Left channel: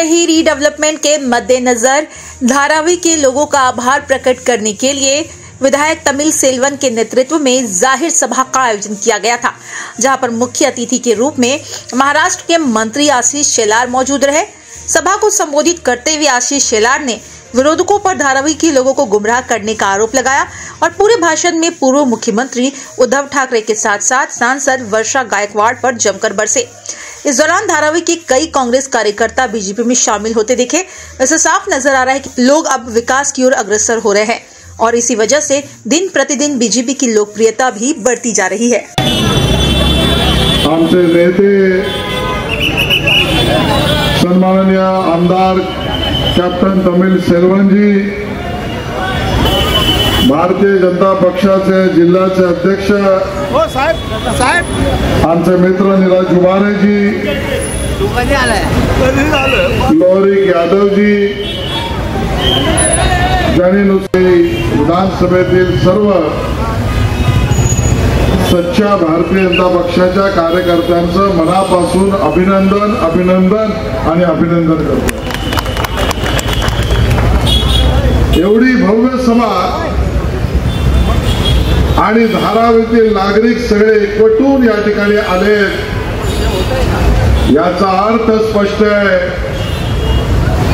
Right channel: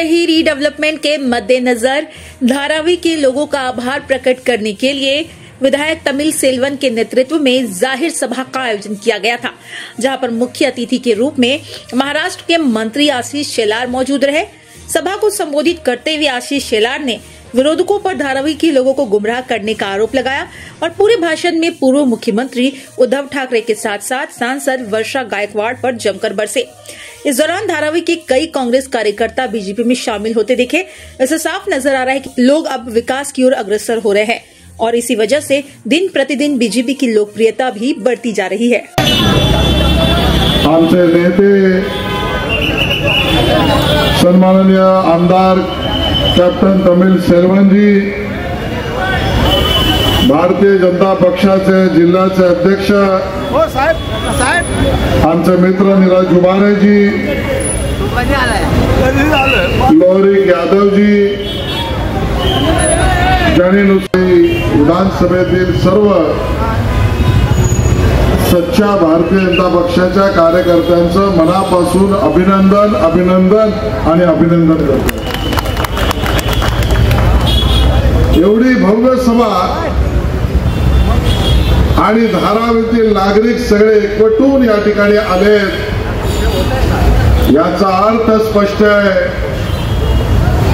रही रीडेवलपमेंट के मद्देनजर धारावी के लोगों का आभार प्रकट करने के लिए विधायक तमिल सेल्वन के नेतृत्व में जाहिर सभा का आयोजन किया गया था, जहां पर मुख्य अतिथि के रूप में महाराष्ट्र के मंत्री आशीष शेलार मौजूद रहे। सभा को संबोधित करते हुए आशीष शेलार ने विरोधकों पर धारावी के लोगों को गुमराह करने का आरोप लगाया और पूरे भाषण में पूर्व मुख्यमंत्री उद्धव ठाकरे के साथ साथ सांसद वर्षा गायकवाड़ पर जमकर बरसे। इस दौरान धारावी के कई कांग्रेस कार्यकर्ता बीजेपी में शामिल होते दिखे। इससे साफ नजर आ रहा है कि लोग अब विकास की ओर अग्रसर हो रहे हैं और इसी वजह से दिन प्रतिदिन बीजेपी की लोकप्रियता भी बढ़ती जा रही है। आमचे नेते सन्माननीय आमदार कैप्टन तमिल सेल्वन जी, भारतीय जनता पक्षाचे जिल्ह्याचे अध्यक्ष आमचे मित्र नीरज उबारे जी, लोहरी यादव जी, ज्यांनी विधानसभेतील सर्व सच्चा भारतीय जनता पक्षाच्या कार्यकर्त्यांचं मनापासून अभिनंदन आणि अभिनंदन करतो। एवढी भव्य सभा आणि धारावीतील नागरिक सगळे एकवटून या ठिकाणी आले, याचा अर्थ स्पष्ट आहे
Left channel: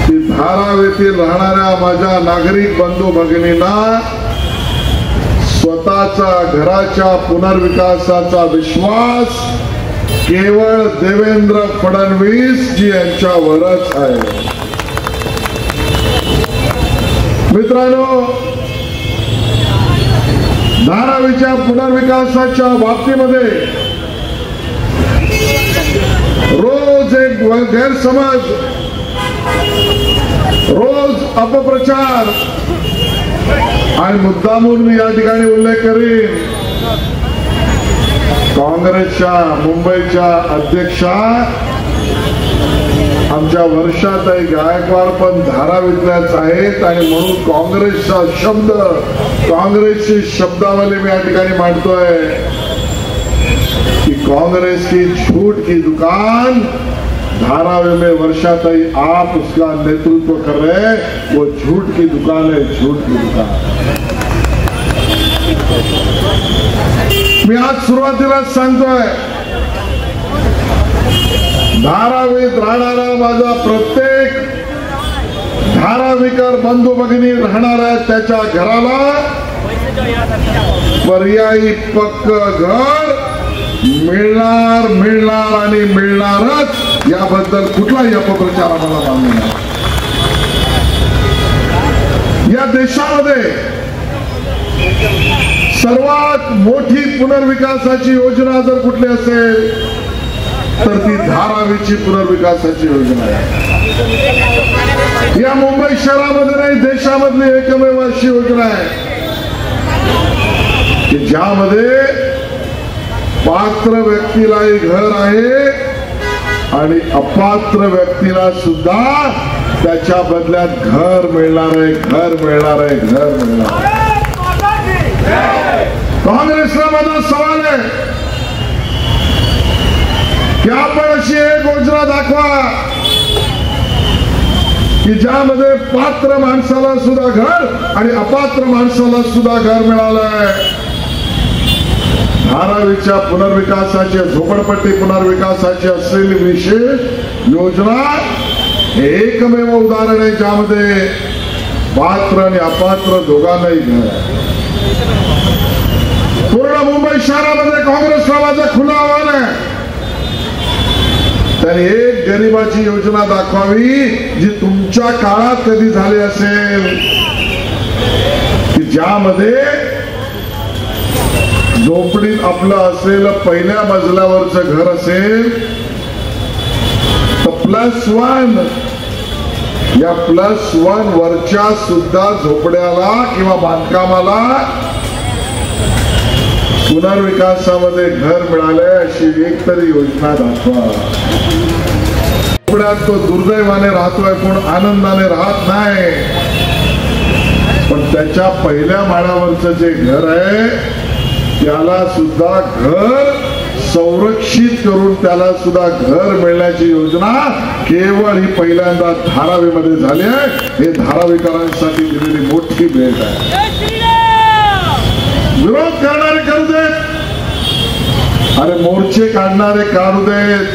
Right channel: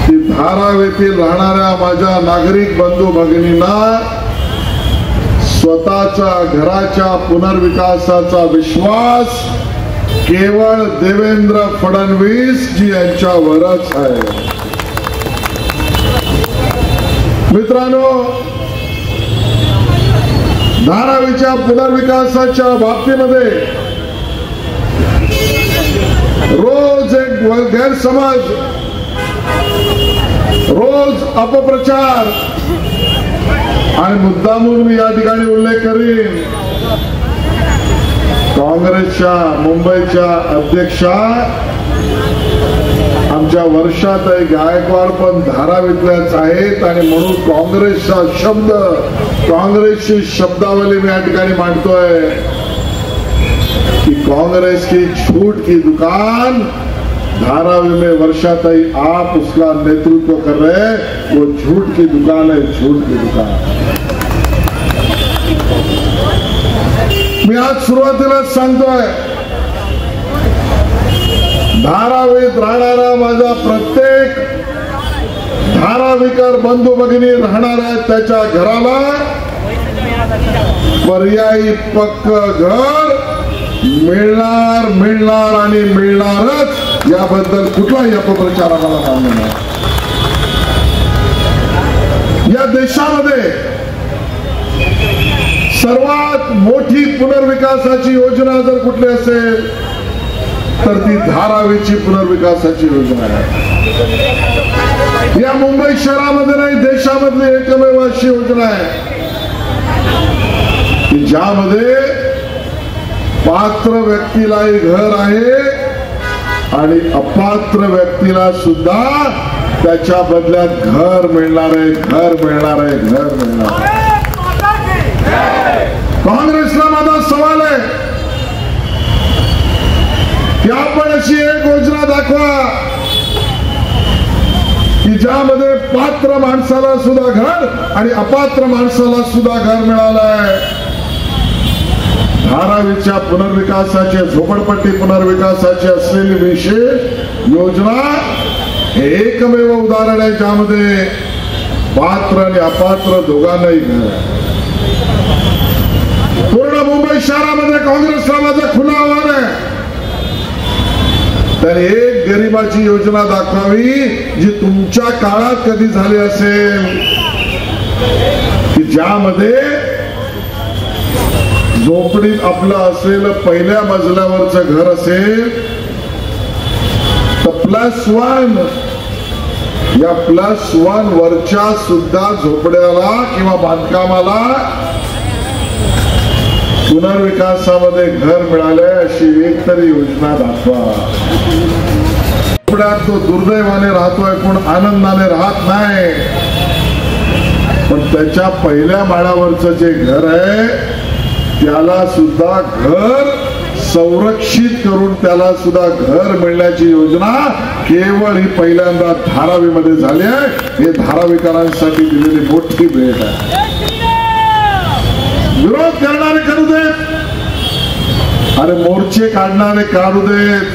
की धारावीतील राहणाऱ्या माझ्या नागरिक बंधू भगिनींना स्वतःच्या घराच्या पुनर्विकासाचा विश्वास केवळ देवेंद्र फडणवीस जी यांच्यावरच आहे। मित्रांनो, धारावीच्या पुनर्विकासाच्या बाबतीमध्ये रोज एक गैरसमज, रोज अपप्रचार आणि मुद्दामून मी या ठिकाणी उल्लेख करीन, काँग्रेसच्या मुंबईच्या अध्यक्षा आमच्या वर्षाताई गायकवाड पण धारावीतल्याच आहेत आणि म्हणून काँग्रेसचा शब्द, काँग्रेसची शब्दावली मी या ठिकाणी मांडतोय कि कांग्रेस की झूठ की दुकान धारावी में वर्षाताई आप उसका नेतृत्व कर रहे हैं, वो झूठ की दुकान है, झूठ की दुकान। मी आज सुरुवातीलाच सांगतोय, धारावीत राहणारा माझा प्रत्येक धारावीकर बंधू भगिनी राहणाऱ्या त्याच्या घराला पर्यायी पक्क घर मिळणार आणि मिळणारच, याबद्दल कुठलाही अपप्रचार आम्हाला मान्य नाही। या देशामध्ये सर्वात मोठी पुनर्विकासाची योजना जर कुठली असेल तर ती धारावीची पुनर्विकासाची योजना आहे। या मुंबई शहरामध्ये नाही, देशामधली एकमेव अशी योजना आहे की ज्यामध्ये पात्र व्यक्तीला घर आहे आणि अपात्र व्यक्तीला सुद्धा त्याच्या बदल्यात घर मिळणार आहे, घर मिळणार आहे, घर मिळणार आहे। काँग्रेसला माझा सवाल आहे की आपण अशी एक योजना दाखवा की ज्यामध्ये पात्र माणसाला सुद्धा घर आणि अपात्र माणसाला सुद्धा घर मिळालं आहे। धारावीच्या पुनर्विकासाचे, झोपडपट्टी पुनर्विकासाची असलेली विशेष योजना एकमेव उदाहरण आहे ज्यामध्ये पात्र आणि अपात्र दोघांनाही घर आहे। पूर्ण मुंबई शहरामध्ये काँग्रेसला माझं खुलं आव्हान आहे, तर एक गरिबाची योजना दाखवावी जी तुमच्या काळात कधी झाली असेल की ज्यामध्ये झोपडीत आपलं असलेलं पहिल्या मजल्यावरचं घर असेल तर +1, या +1 वरच्या सुद्धा झोपड्याला किंवा बांधकामाला पुनर्विकासामध्ये घर मिळाले अशी एक तरी योजना दाखवा। झोपड्यात तो दुर्दैवाने राहतोय, कोण आनंदाने राहत नाही, पण त्याच्या पहिल्या माळ्यावरचं जे घर आहे त्याला सुद्धा घर संरक्षित करून त्याला सुद्धा घर मिळण्याची योजना केवळ ही पहिल्यांदा धारावीमध्ये झाली आहे. हे धारावीकरांसाठी दिलेली मोठी भेट आहे. विरोध करणारे करू देत, अरे मोर्चे काढणारे काढू देत.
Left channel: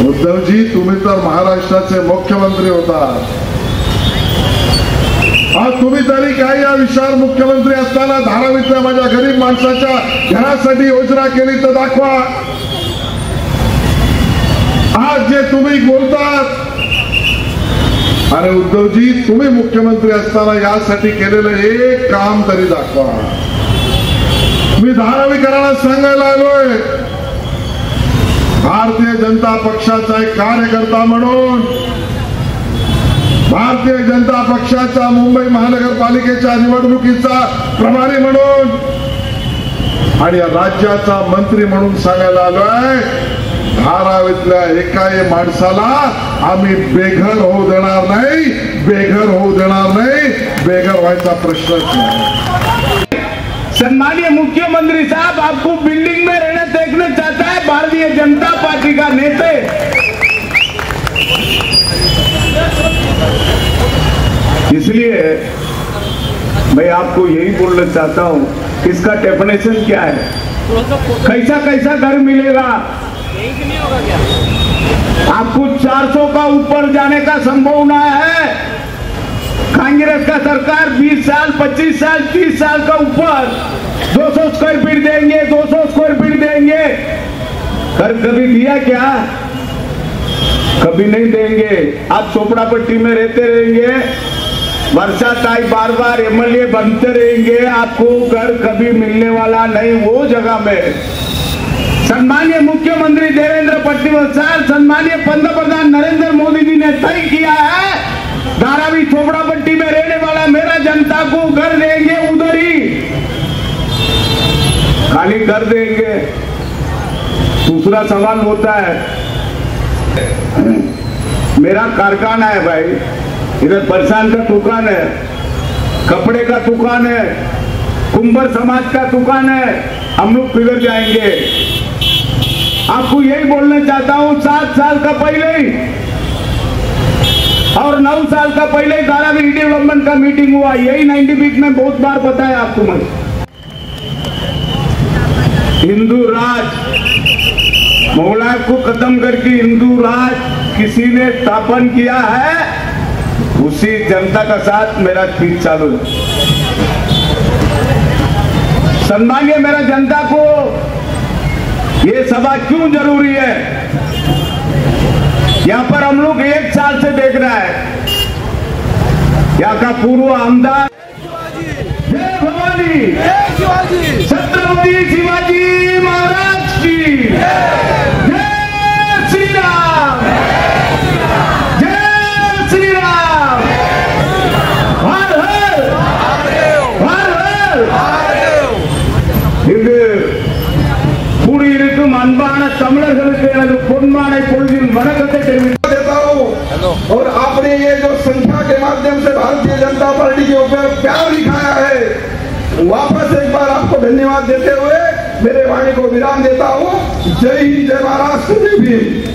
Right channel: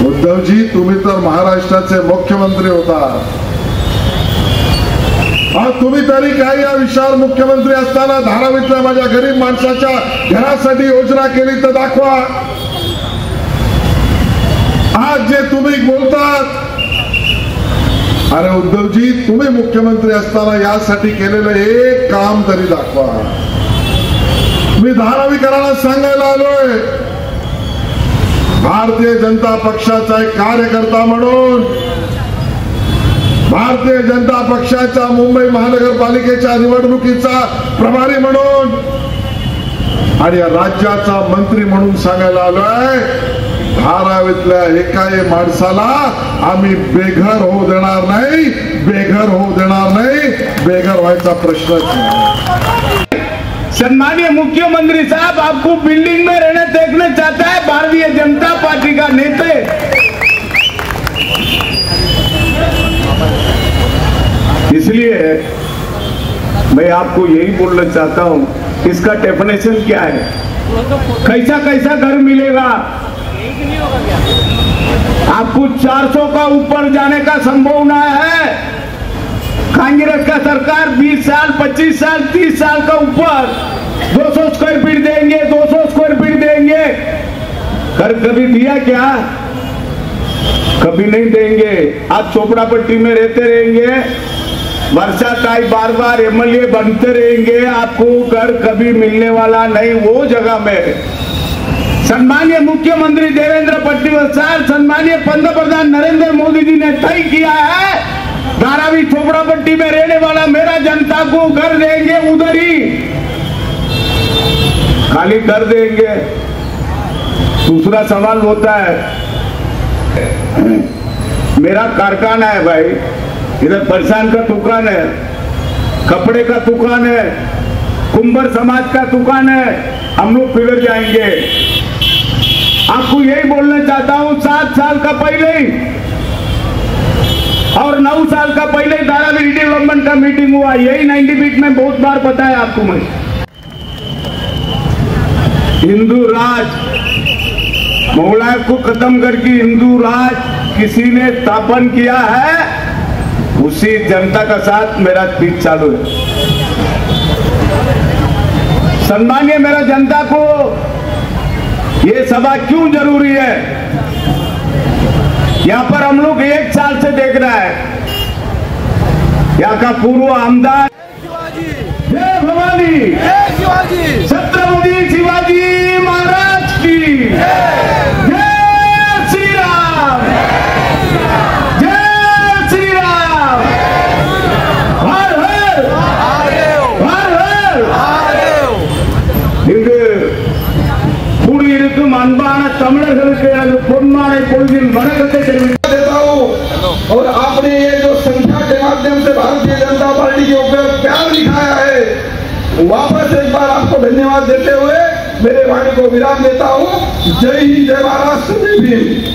उद्धवजी, तुम्ही तर महाराष्ट्राचे मुख्यमंत्री होता. आज तुम्ही तरी काही या विशाल मुख्यमंत्री असताना धारावीतल्या माझ्या गरीब माणसाच्या घरासाठी योजना केली तर दाखवा. आज जे तुम्ही बोलतात, अरे उद्धवजी, तुम्ही मुख्यमंत्री असताना यासाठी केलेलं एक काम तरी दाखवा. मी धारावीकरांना सांगायला आलोय, भारतीय जनता पक्षाचा एक कार्यकर्ता म्हणून, भारतीय जनता पक्षाच्या मुंबई महानगरपालिकेच्या निवडणुकीचा प्रभारी म्हणून आणि या राज्याचा मंत्री म्हणून सांगायला आलोय, धारावीतल्या एकाही माणसाला आम्ही बेघर होऊ देणार नाही, बेघर होऊ देणार नाही, बेघर व्हायचा प्रश्नच नाही. सम्मानीय मुख्यमंत्री साहब, आपको बिल्डिंग में रहना देखना चाहता है भारतीय जनता पार्टी का नेता. इसलिए मैं आपको यही बोलना चाहता हूं, इसका डेफिनेशन क्या है, कैसा कैसा घर मिलेगा. आपको 400 का ऊपर जाने का संभावना है. कांग्रेस का सरकार 20 साल 25 साल 30 साल का ऊपर 200 स्क्वायर फीट देंगे, 200 स्क्वायर फीट देंगे. घर कभी दिया क्या? कभी नहीं देंगे. आप चोपड़ापट्टी में रहते रहेंगे, बरसात आई बार बार एमएलए बनते रहेंगे, आपको घर कभी मिलने वाला नहीं वो जगह में. सम्मानीय मुख्यमंत्री देवेंद्र फडणवीस साहब, सम्मानीय पंतप्रधान नरेंद्र मोदी जी ने तय किया है, धारावी चोपड़ापट्टी में रहने वाला मेरा जनता को घर देंगे, उधर ही खाली कर देंगे. दूसरा सवाल होता है, मेरा कारखाना है भाई, इधर परसान का दुकान है, कपड़े का दुकान है, कुंभर समाज का दुकान है, हम लोग पिघल जाएंगे. आपको यही बोलना चाहता हूं, 7 साल का पहले और 9 साल का पहले धारावी डेवलपमेंट का मीटिंग हुआ. यही 90 फीट में बहुत बार बताया आपको मैं. हिंदू राज मुगलायत को खत्म करके हिंदू राज किसी ने स्थापन किया है, उसी जनता का साथ मेरा स्पीच चालू है. सम्मानीय मेरा जनता को ये सभा क्यों जरूरी है, यहाँ पर हम लोग 1 साल से देख रहा है, यहाँ का पूर्व आमदार जय भवानी, छत्रपति शिवाजी महाराज की जय श्री राम, जय श्री राम, हर हर हर हर. पूरी இருக்கும் அன்பான தமிழர்களுக்கு எனது பொன்னான பொழுதின் வணக்கத்தை தெரிவித்து देता हूं. और आपने ये जो संख्या के माध्यम से भारतीय जनता पार्टी के ऊपर प्यार दिखाया है, वापस एक बार आपको धन्यवाद देते हुए मेरे वाणी को विराम देता हूं. जय हिंद, जय महाराष्ट्र, जय भीम.